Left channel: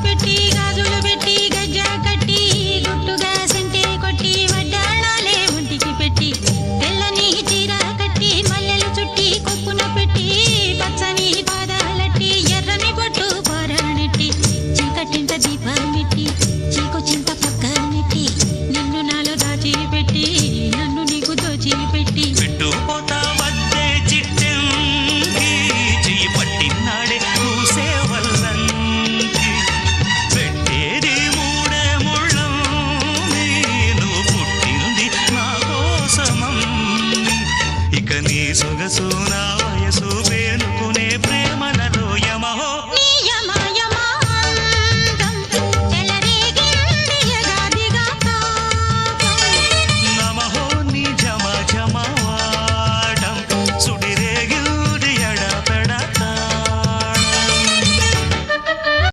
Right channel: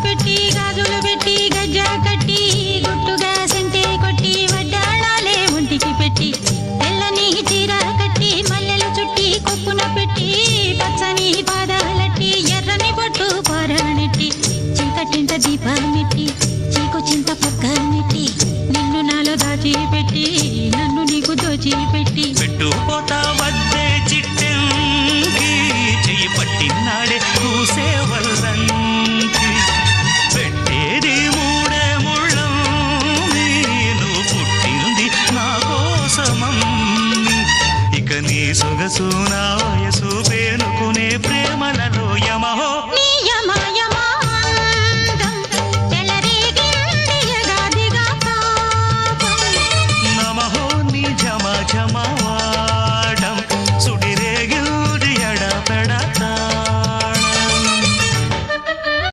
పెట్టి గాజులు పెట్టి గజ్జా కట్టి గుట్టుగా సెంటే కొట్టి వడ్డాణాలే ఒంటికి పెట్టి తెల్లని చీర కట్టి మల్లెలు చుట్టి కొప్పున పెట్టి పచ్చని పాదాలట్టి ఎర్రని బొట్టు పారాణెట్టి చీకటింట దీపమెట్టి చీకు చింత పక్క నెట్టి నిన్ను నాలో దాచిపెట్టి నన్ను నీకు దోచిపెట్టి పెట్టుపోతా వద్దే చిట్టంకి చెయ్యి పట్టినాడే కూసే వల్లంకి పెట్టేది మూడే ముళ్ళం నువ్వు పుట్టింది నా కోసమమ్మి ఇక నీ సొగసు నా వయసు పేనుకునే ప్రేమలలో యమహో